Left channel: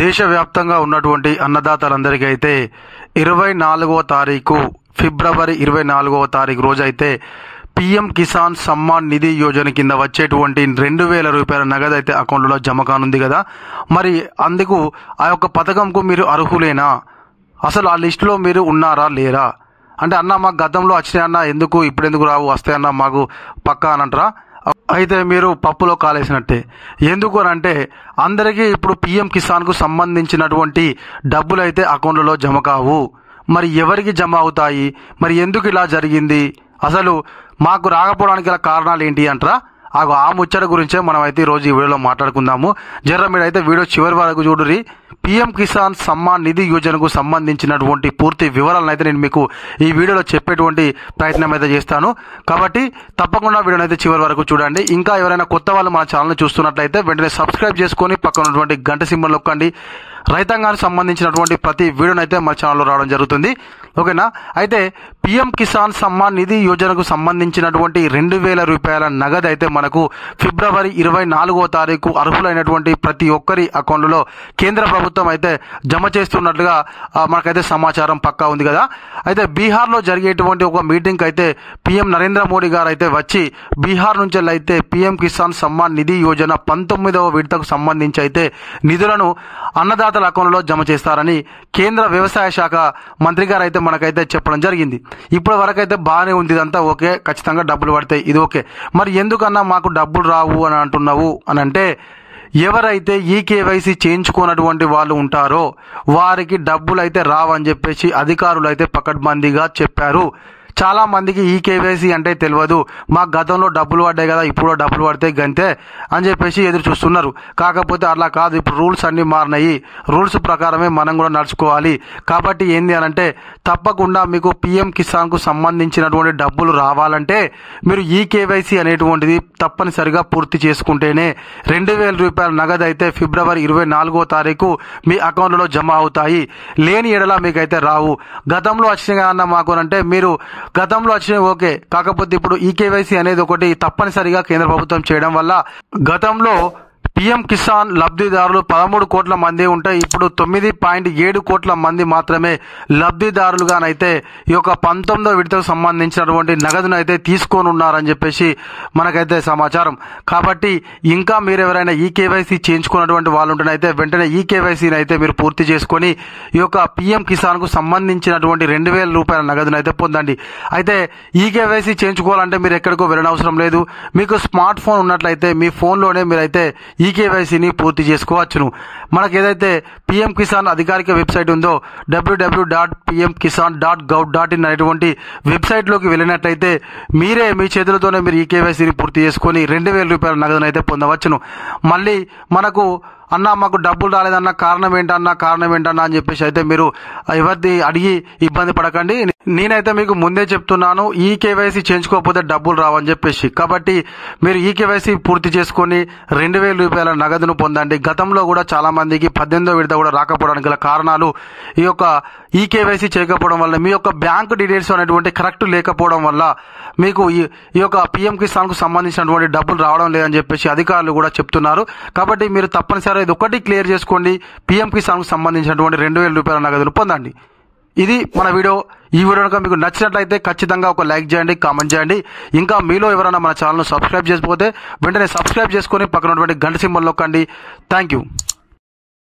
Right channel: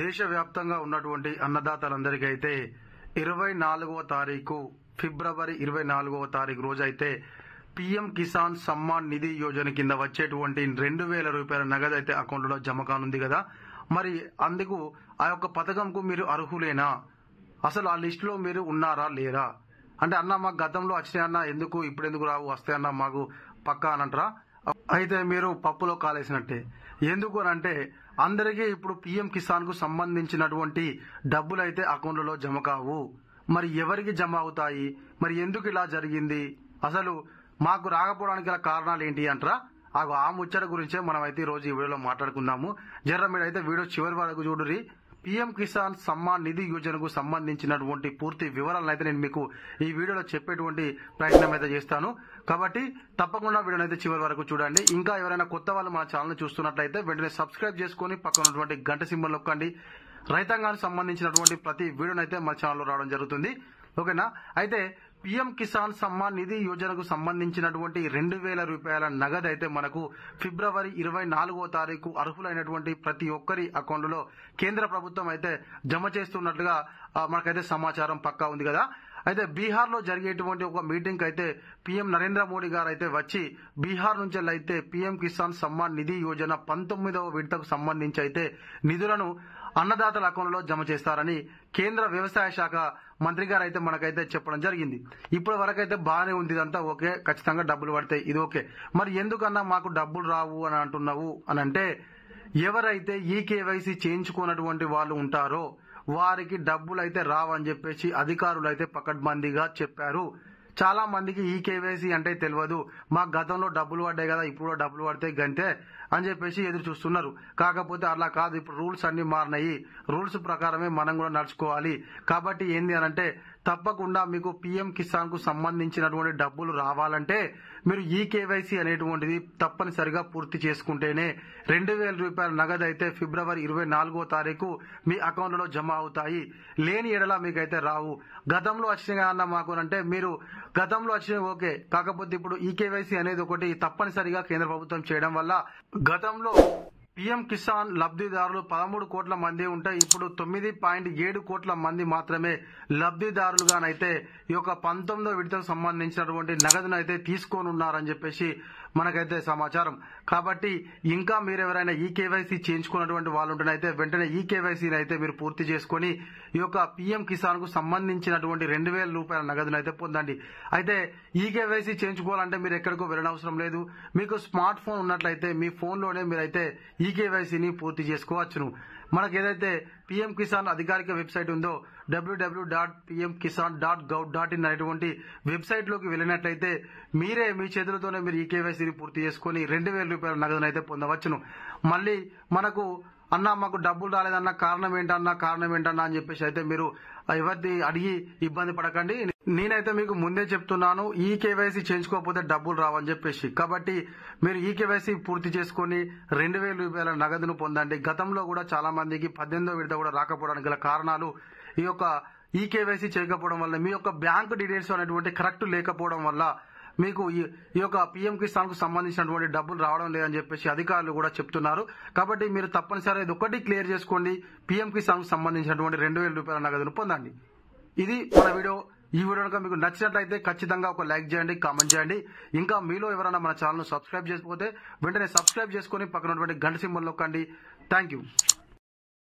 దేశవ్యాప్తంగా ఉన్నటువంటి అన్నదాతలందరికీ అయితే 24వ తారీఖు ఫిబ్రవరి 24వ తారీఖు రోజైతే పీఎం కిసాన్ సమ్మాన్ నిధి యోజన కింద వచ్చేటువంటి 2000 రూపాయల నగదు అయితే అకౌంట్లో జమ కానుంది కదా. మరి అందుకు ఆ యొక్క పథకంకు మీరు అర్హులేనా, అసలు ఆ లిస్టులో మీరు ఉన్నారా లేరా అంటే, అన్న మాకు గతంలో వచ్చినాయన్న, ఎందుకు ఇప్పుడు ఎందుకు రావు, వస్తాయన్న మాకు పక్కా అని అంటారా? అయితే మీరు పప్పులో కాలేసినట్టే. ఎందుకు అని అంటే, అందరికీ ఇప్పుడు పీఎం కిసాన్కు సంబంధించినటువంటి డబ్బులు అయితే అకౌంట్లలో జమ కావు. మరి ఎవరికి జమ అవుతాయి, మరి ఎందుకు ఇలా జరిగింది, అసలు మాకు రాకపోవడానికి గల కారణాలు ఏంటి అంటారా? ఆ ముచ్చట గురించే మనం అయితే ఈరోజు ఈ వీడియోలో మాట్లాడుకుందాము. జర్ర మీరైతే వీడియో చివరి వరకు చూడుర్రి. పీఎం కిసాన్ సమ్మాన్ నిధి యోజనకు సంబంధించినటువంటి పూర్తి వివరాలను అయితే నేను మీకు ఈ వీడియోలో చెప్పేటువంటి ప్రయత్నం అయితే చేస్తాను. కాబట్టి తప్పకుండా వీడియోని అయితే చివరి వరకు చూడండి. ఇంకా ఎవరైనా కొత్త వాళ్ళు మన ఛానల్ని చూస్తున్నట్లయితే వెంటనే సబ్స్క్రైబ్ చేసుకొని పక్కన ఉన్నటువంటి గంట సింబల్ నొక్కండి. రైతాంగానికి సంబంధించినటువంటి ప్రతి వీడియోని అయితే మా ఛానల్లో రావడం జరుగుతుంది. ఓకేనా? అయితే పీఎం కిసాన్ సమ్మాన్ నిధి యోజనకు సంబంధించినటువంటి 2000 రూపాయల నగదు అయితే మనకు ఫిబ్రవరి 24వ తారీఖు అర్హులైనటువంటి ప్రతి ఒక్కరి అకౌంట్లో కేంద్ర ప్రభుత్వం అయితే జమ చేస్తున్నట్లుగా మనకైతే సమాచారం పక్కా ఉంది కదా. అయితే బీహార్లో జరిగేటువంటి ఒక మీటింగ్ అయితే పీఎం నరేంద్ర మోడీ గారు అయితే వచ్చి బీహార్ నుంచి అయితే పీఎం కిసాన్ సమ్మాన్ నిధి యోజన 19వ విడతకు సంబంధించి అయితే నిధులను అన్నదాతల అకౌంట్లో జమ చేస్తారని కేంద్ర వ్యవసాయ శాఖ మంత్రి గారు అయితే మనకైతే చెప్పడం జరిగింది. ఇప్పటి వరకు అయితే బాగానే ఉంది, ఇదంతా ఓకే, ఖచ్చితంగా డబ్బులు పడతాయి, ఇది ఓకే. మరి ఎందుకన్నా మాకు డబ్బులు రావు అని అంటున్నావు అని అంటే, ఎవరైతే ఈ కేవైసీ చేయించుకున్నటువంటి వాళ్ళు ఉంటారో వారికి డబ్బులు అయితే రావని చెప్పేసి అధికారులు అయితే పకడ్బందీగా చెప్పారు. చాలా మందికి ఈ కేవైసీ అంటే తెలియదు, మాకు గతంలో డబ్బులు పడ్డాయి కదా, ఇప్పుడు డబ్బులు పడితే గంతే అని చెప్పేసి ఎదురు చూస్తున్నారు. కాకపోతే అలా కాదు, ఇప్పుడు రూల్స్ అన్నీ మారినాయి, రూల్స్ ప్రకారమే మనం కూడా నడుచుకోవాలి. కాబట్టి ఏంది అని అంటే, తప్పకుండా మీకు పీఎం కిసాన్కు సంబంధించినటువంటి డబ్బులు రావాలంటే మీరు ఈ కేవైసీ అనేటువంటిది తప్పనిసరిగా పూర్తి చేసుకుంటేనే 2000 రూపాయల నగదు అయితే ఫిబ్రవరి 24వ తారీఖు మీ అకౌంట్లో జమ అవుతాయి. లేని ఎడల మీకైతే రావు. గతంలో వచ్చినాయి అన్న మాకు అంటే, మీరు గతంలో వచ్చినాయి ఓకే, కాకపోతే ఇప్పుడు ఈ కేవైసీ అనేది ఒకటి తప్పనిసరిగా కేంద్ర ప్రభుత్వం చేయడం వల్ల గతంలో పీఎం కిసాన్ లబ్ధిదారులు 13 కోట్ల మంది ఉంటే ఇప్పుడు 9.7 కోట్ల మంది మాత్రమే లబ్ధిదారులుగానైతే ఈ యొక్క 19వ విడతకు సంబంధించినటువంటి నగదును అయితే తీసుకొని ఉన్నారని చెప్పేసి మనకైతే సమాచారం. కాబట్టి ఇంకా మీరు ఎవరైనా ఈ కేవైసీ చేయించుకున్నటువంటి వాళ్ళు ఉంటేనైతే వెంటనే ఈ కేవైసీని అయితే మీరు పూర్తి చేసుకొని ఈ యొక్క పీఎం కిసాన్కు సంబంధించినటువంటి 2000 రూపాయల నగదును అయితే పొందండి. అయితే ఈ కేవైసీ చేయించుకోవాలంటే మీరు ఎక్కడికో వెళ్ళనవసరం లేదు. మీకు స్మార్ట్ ఫోన్ ఉన్నట్లయితే మీ ఫోన్లోనే మీరైతే ఈ కేవైసీని పూర్తి చేసుకోవచ్చును. మనకు ఏదైతే పీఎం కిసాన్ అధికారిక వెబ్సైట్ ఉందో www.pmkisan.gov.in అనేటువంటి వెబ్సైట్లోకి వెళ్ళినట్లయితే మీరే మీ చేతులతోనే మీరు ఈ కేవైసీని పూర్తి చేసుకొని 2000 రూపాయల నగదును అయితే పొందవచ్చును. మళ్ళీ మనకు అన్న మాకు డబ్బులు రాలేదన్న కారణం ఏంటన్నా అని చెప్పేసి అయితే మీరు ఎవరిది అడిగి ఇబ్బంది పడకండి. నేనైతే మీకు ముందే చెప్తున్నాను, ఈ కేవైసీ చేయించుకోకపోతే డబ్బులు రావని చెప్పేసి. కాబట్టి మీరు ఈ కేవైసీ పూర్తి చేసుకొని 2000 రూపాయల నగదును పొందండి. గతంలో కూడా చాలా మందికి 18వ విడత కూడా రాకపోవడానికి గల కారణాలు ఈ యొక్క ఈ కేవైసీ చేయకపోవడం వల్ల, మీ యొక్క బ్యాంకు డీటెయిల్స్ అనేటువంటి కరెక్ట్ లేకపోవడం వల్ల మీకు ఈ యొక్క పీఎం కిసాన్కు సంబంధించినటువంటి డబ్బులు రావడం లేదని చెప్పేసి అధికారులు కూడా చెప్తున్నారు. కాబట్టి మీరు తప్పనిసరిగా ఇది ఒకటి క్లియర్ చేసుకోండి, పీఎం కిసాన్కు సంబంధించినటువంటి 2000 రూపాయల నగదును పొందండి. ఇది మన వీడియో. ఈ వీడియో కనుక మీకు నచ్చినట్లయితే ఖచ్చితంగా ఒక లైక్ చేయండి, కామెంట్ చేయండి. ఇంకా మీలో ఎవరైనా మన ఛానల్ను సబ్స్క్రైబ్ చేసుకోకపోతే వెంటనే సబ్స్క్రైబ్ చేసుకొని పక్కన ఉన్నటువంటి గంట సింబల్ నొక్కండి. Thank you.